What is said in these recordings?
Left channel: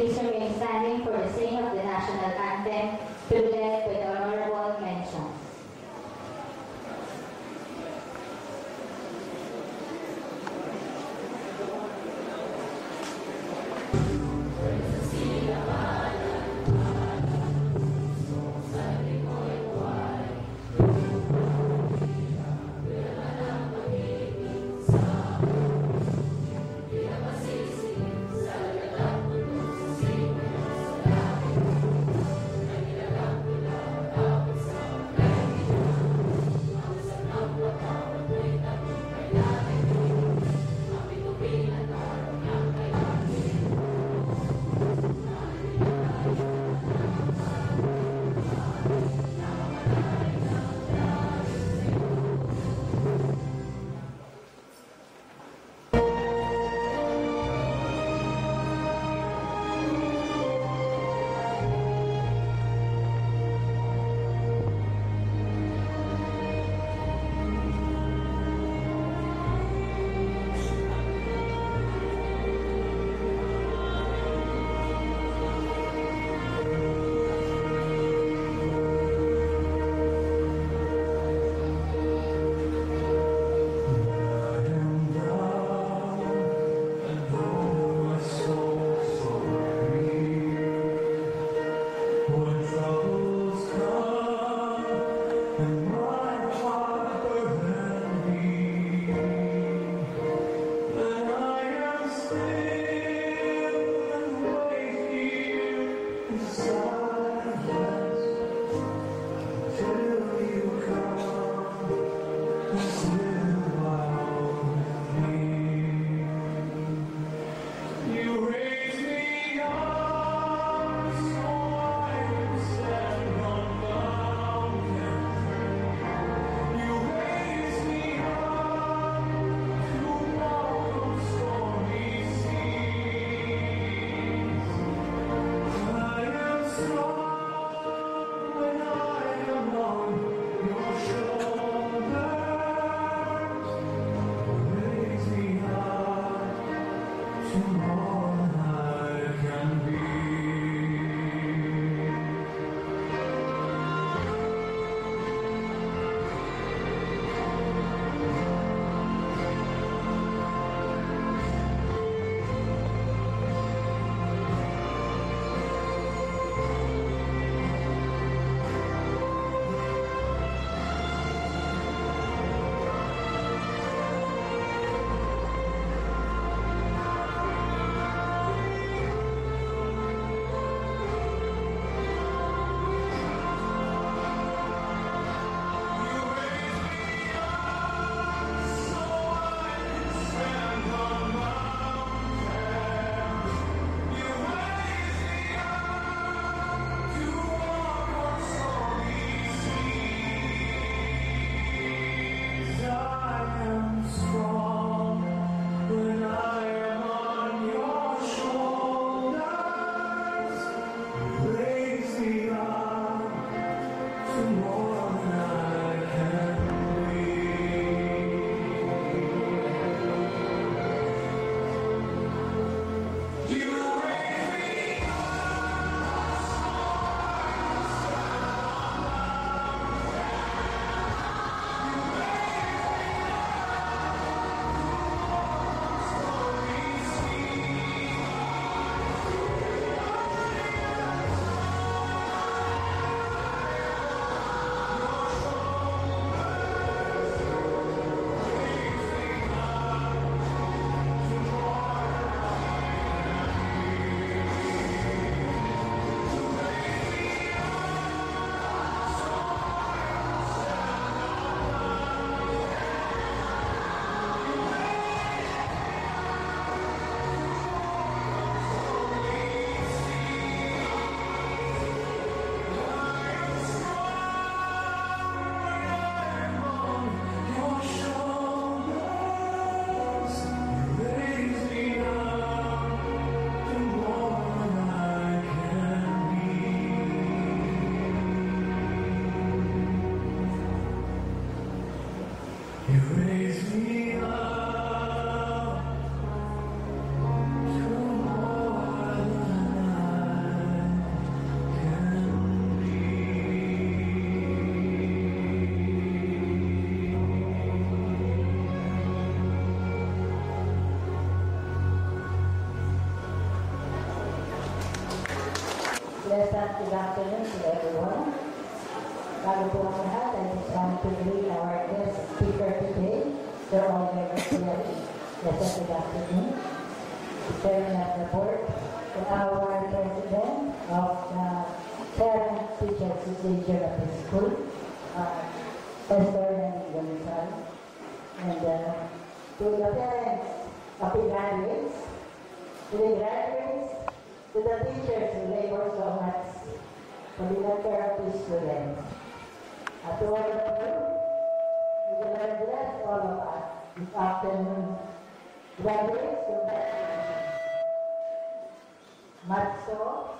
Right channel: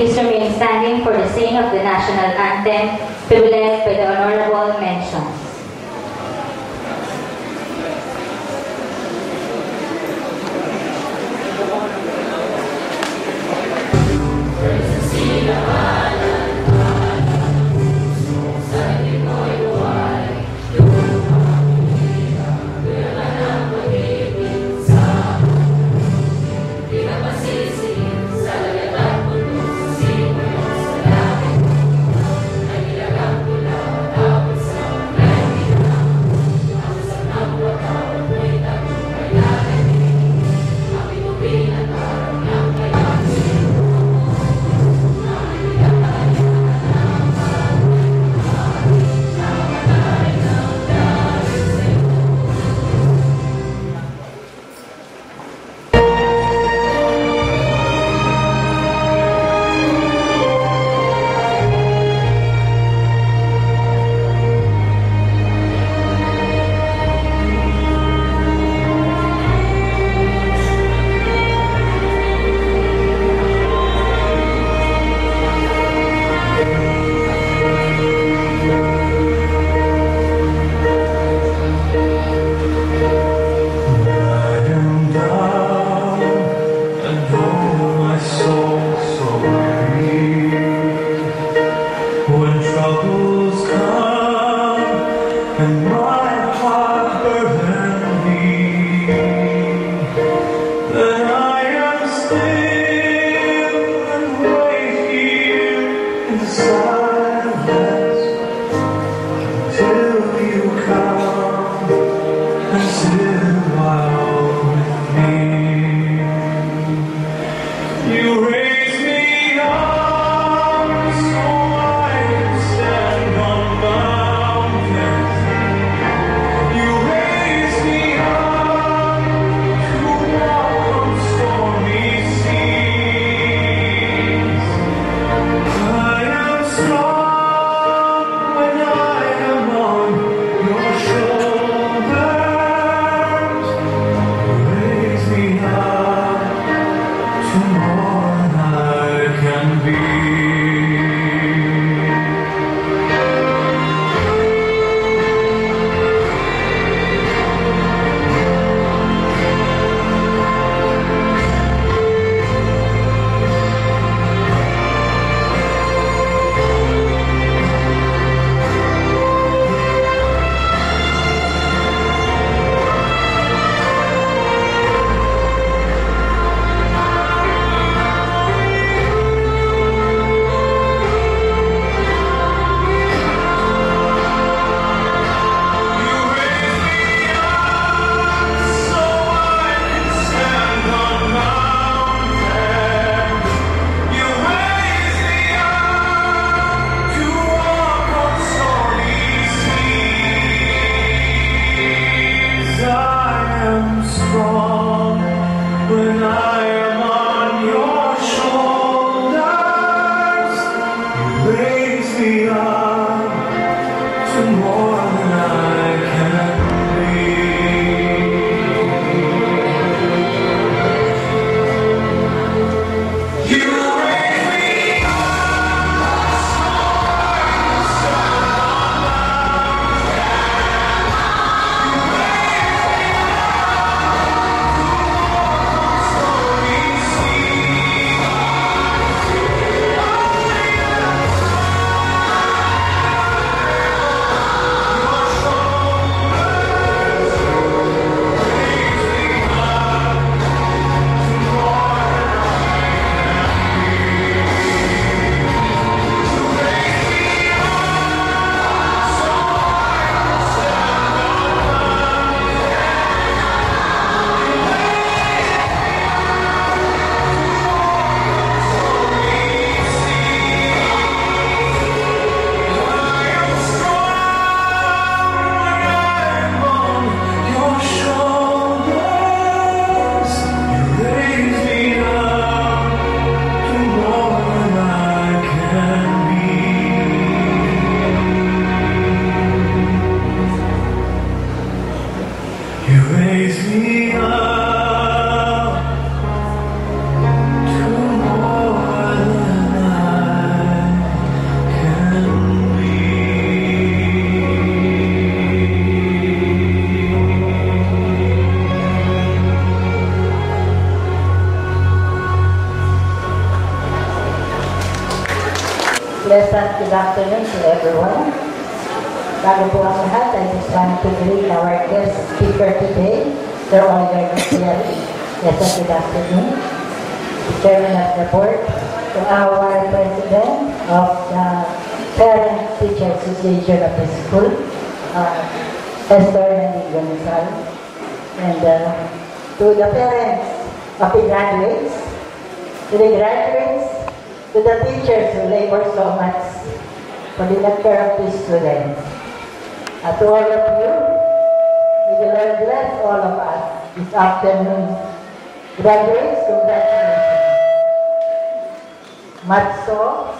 Please remain standing for the singing of the national anthem, to be led by the Honorable Mention. Bago po ang lahat, I just want to greet our guest speaker today, Sir Oliver Garcia. Yes, good afternoon. Chairman of the board, to our president of the Parent Teacher Association of the school, Esther Nandi Gonzal, and to the parents of the graduates, to the teachers who labor so much for the welfare of the students. To all of you, may the Lord bless all of us this afternoon. Graduates, congratulations. Much so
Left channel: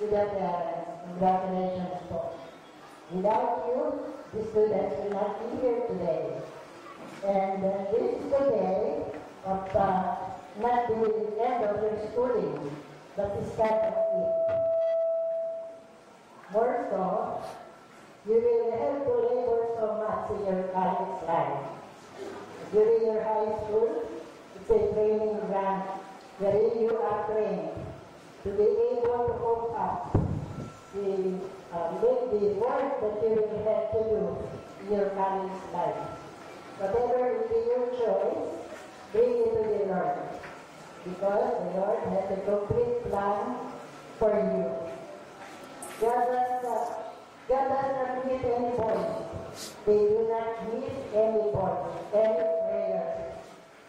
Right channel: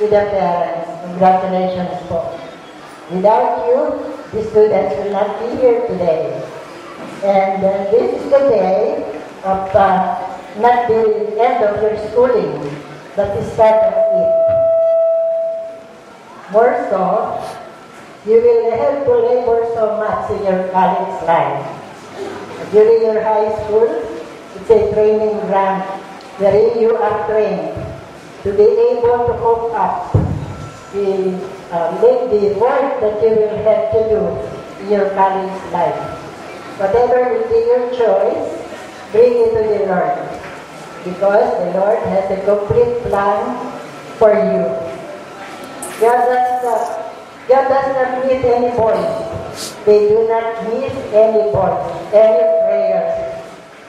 to the parents, congratulations po. Without you, the students will not be here today. And this is the day of not the end of your schooling, but the start of it. More so, you will have to labor so much in your college life. During your high school, it's a training ground wherein you are trained to be able to cope up the work that you will have to do in your college life. Whatever will be your choice, bring it to the Lord, because the Lord has a complete plan for you. God does not miss any voice. They do not miss any voice, any prayer.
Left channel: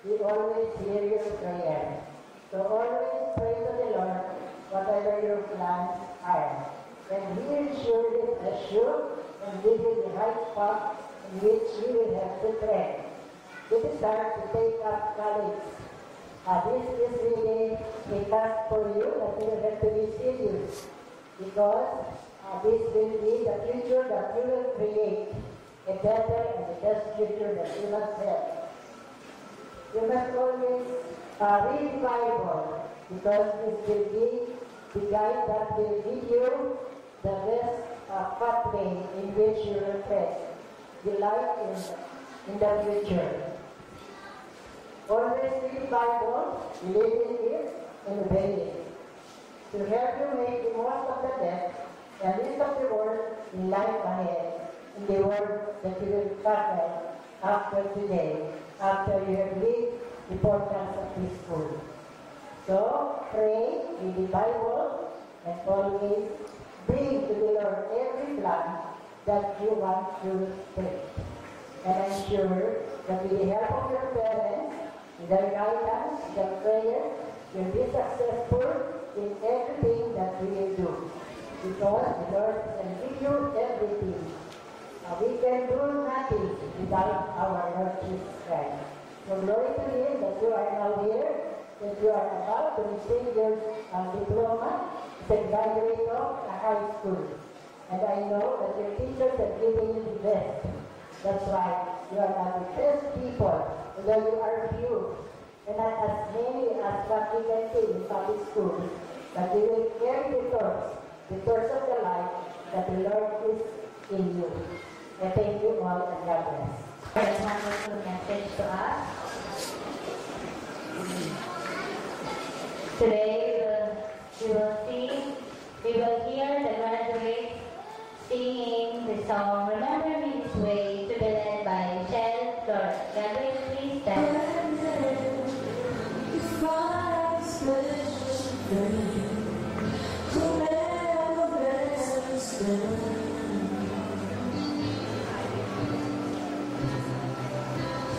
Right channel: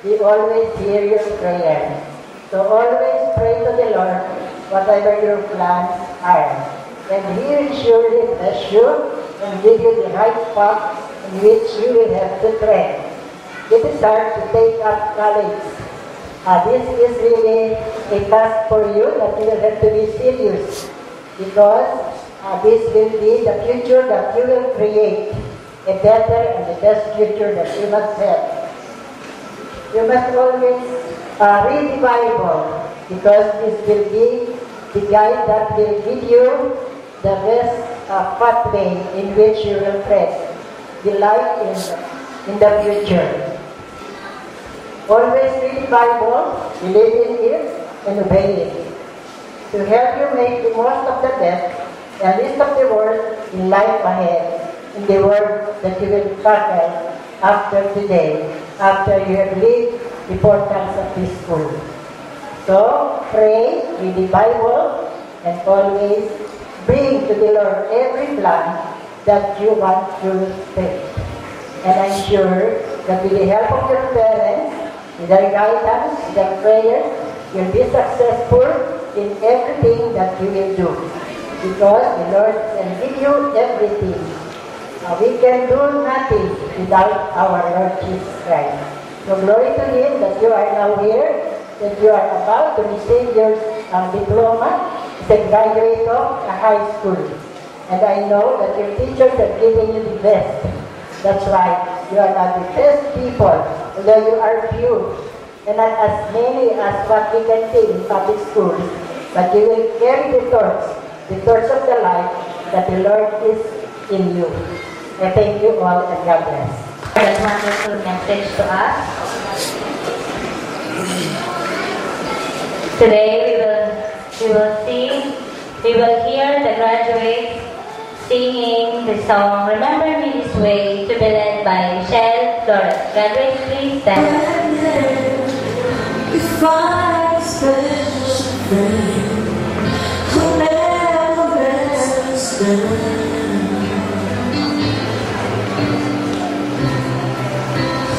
He always hears your prayer. So always pray to the Lord, whatever your plans are. And He will surely bless you and give you the right path in which you will have to tread. It is hard to take up college. This is really a task for you that you will have to be serious, because this will be the future that you will create, a better and the best future that you must have. You must always read the Bible, because this will be the guide that will give you the best pathway in which you will tread the life in the future. Always read the Bible, believe in it, and obey it, to help you make the most of the best and least of the worst in life ahead, in the world that you will tackle after today, after you have lived the portals of this school. So, pray, read the Bible, and always bring to the Lord every plan that you want to take. And I'm sure that with the help of your parents, with their guidance, with their prayers, you'll be successful in everything that you will do. Because the Lord can give you everything. We can do nothing without our Lord Jesus Christ. So glory to Him that you are now here, that you are about to receive your diploma as a graduate of a high school. And I know that your teachers are giving you the best. That's right. You are not the best people, although you are few, and not as many as what we can see in public schools. But you will carry the torch of the life that the Lord is in you. I thank you all, and God bless. That wonderful message to us. Today we will hear the graduates singing the song "Remember Me This Way" to be led by Michelle Flores. Graduates, please stand. If I special friend who never rests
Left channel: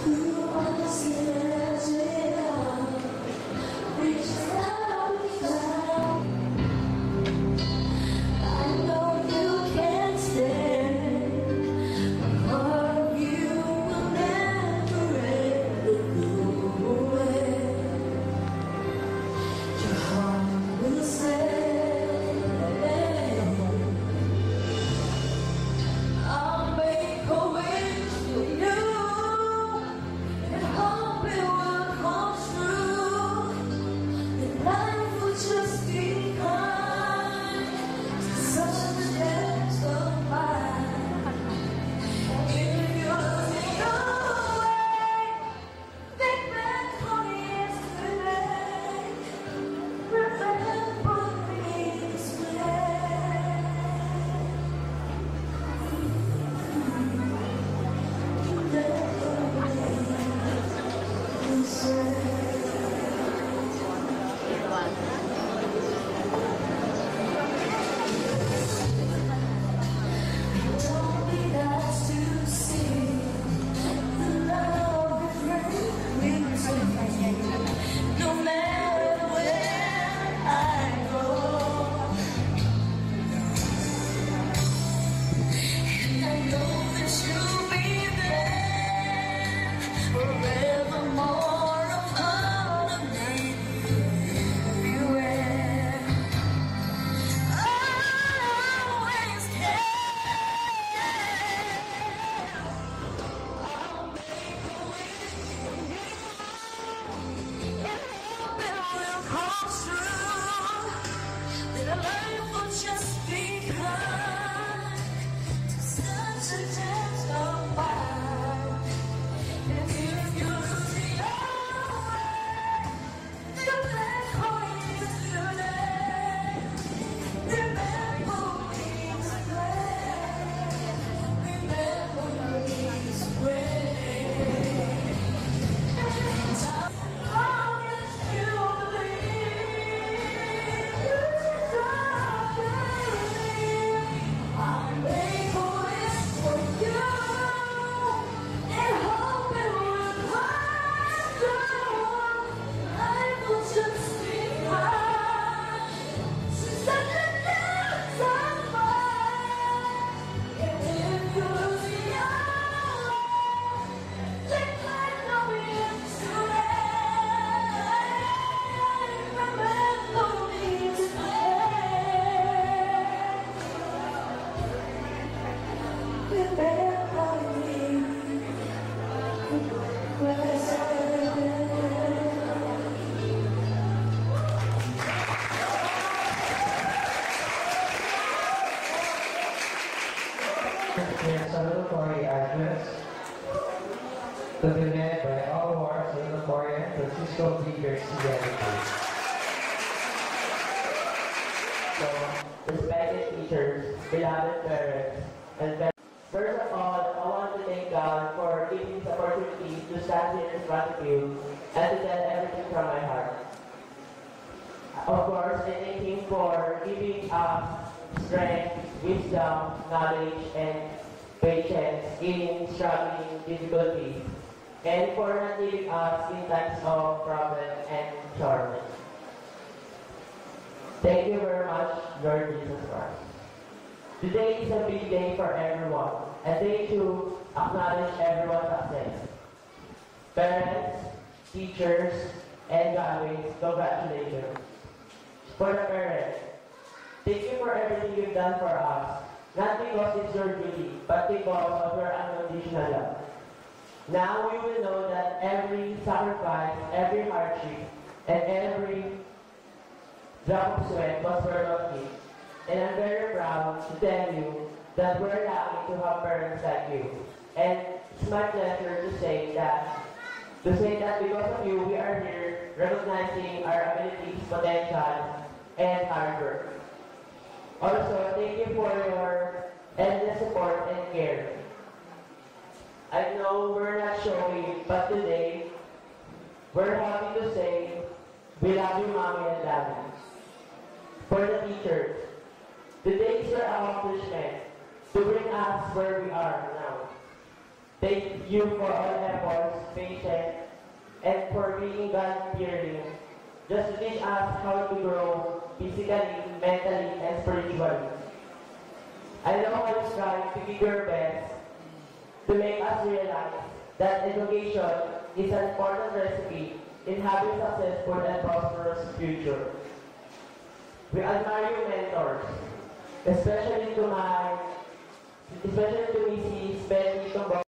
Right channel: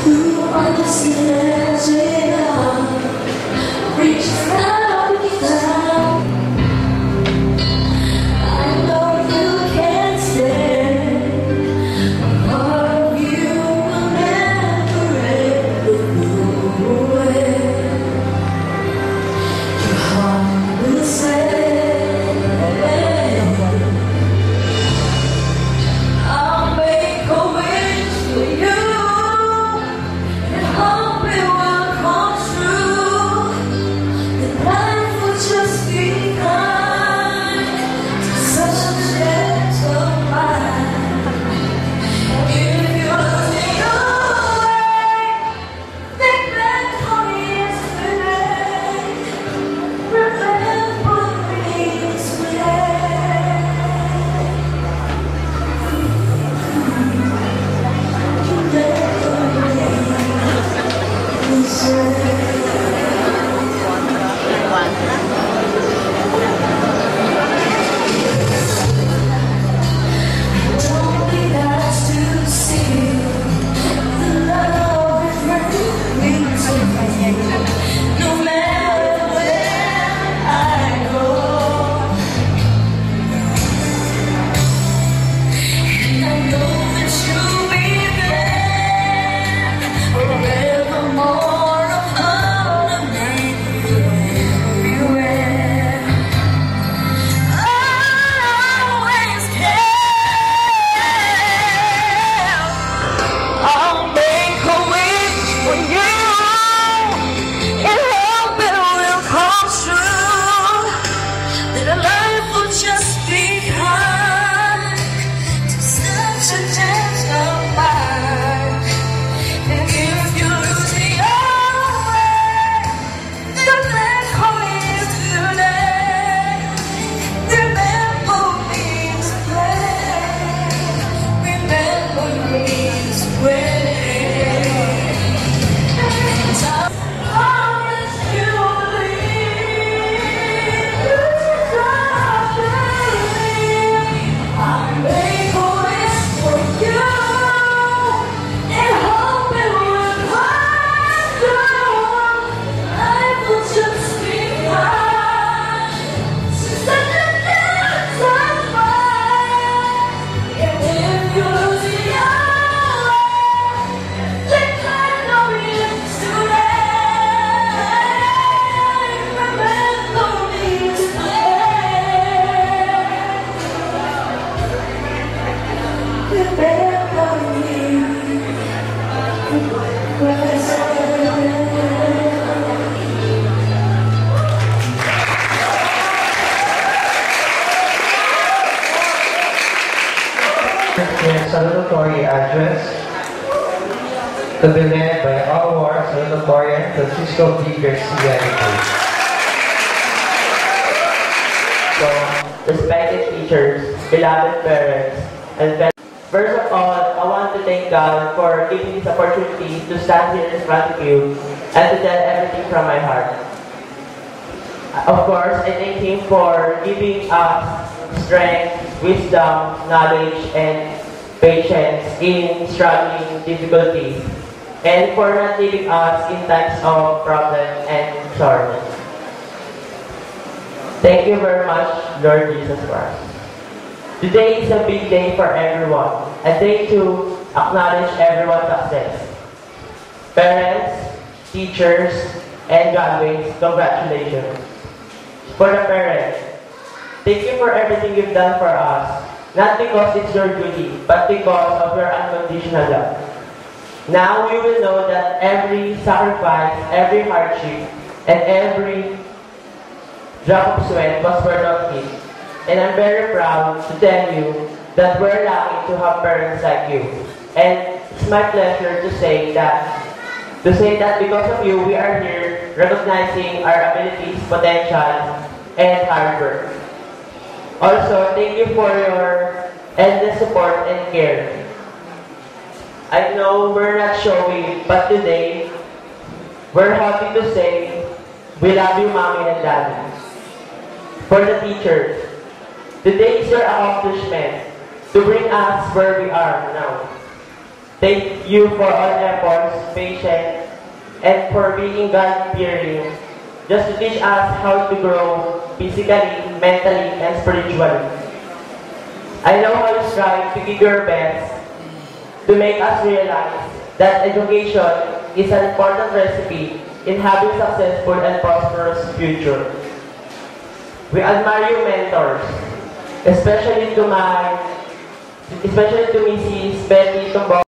who understands it all, reaches out his hand. I know you can't stand. Part of you will never ever go away. it's a test of mine. And if you lose your way, the black hole is today. Remember me this way. Remember me this way. And I promise you believe. I'm making this for you, and hope it will come true. Life will just be fine. Such a dance of mine. And if you lose your way, think I know it's too late. Remember me In salutatory address to be led by our salutatorian Francisco D. Garcia. So, respected teachers, beloved parents, and first of all, I want to thank God for giving this opportunity to stand here in front of you and to tell everything from my heart. Of course, I thank Him for giving us strength, wisdom, knowledge, and patience in struggling difficulties, and for not leaving us in times of problem and sorrow. Thank you very much, Lord Jesus Christ. Today is a big day for everyone, a day to acknowledge everyone's success. Parents, teachers, and graduates, congratulations. For the parents, thank you for everything you've done for us, not because it's your duty, but because of your unconditional love. Now we will know that every sacrifice, every hardship, and every drop of sweat was worth of it. And I'm very proud to tell you that we're lucky to have parents like you. And it's my pleasure to say that because of you, we are here recognizing our abilities, potential, and hard work. Also, thank you for your endless support and care. I know we're not showing, but today, we're happy to say, we love you, Mommy and Daddy. For the teachers, today is your accomplishment to bring us where we are now. Thank you for all efforts, patience, and for being God-fearing, just to teach us how to grow physically, mentally, and spiritually. I know how you strive to give your best to make us realize that education is an important recipe in having a successful and prosperous future. We admire you, mentors, especially to Mrs. Betty Tumbo.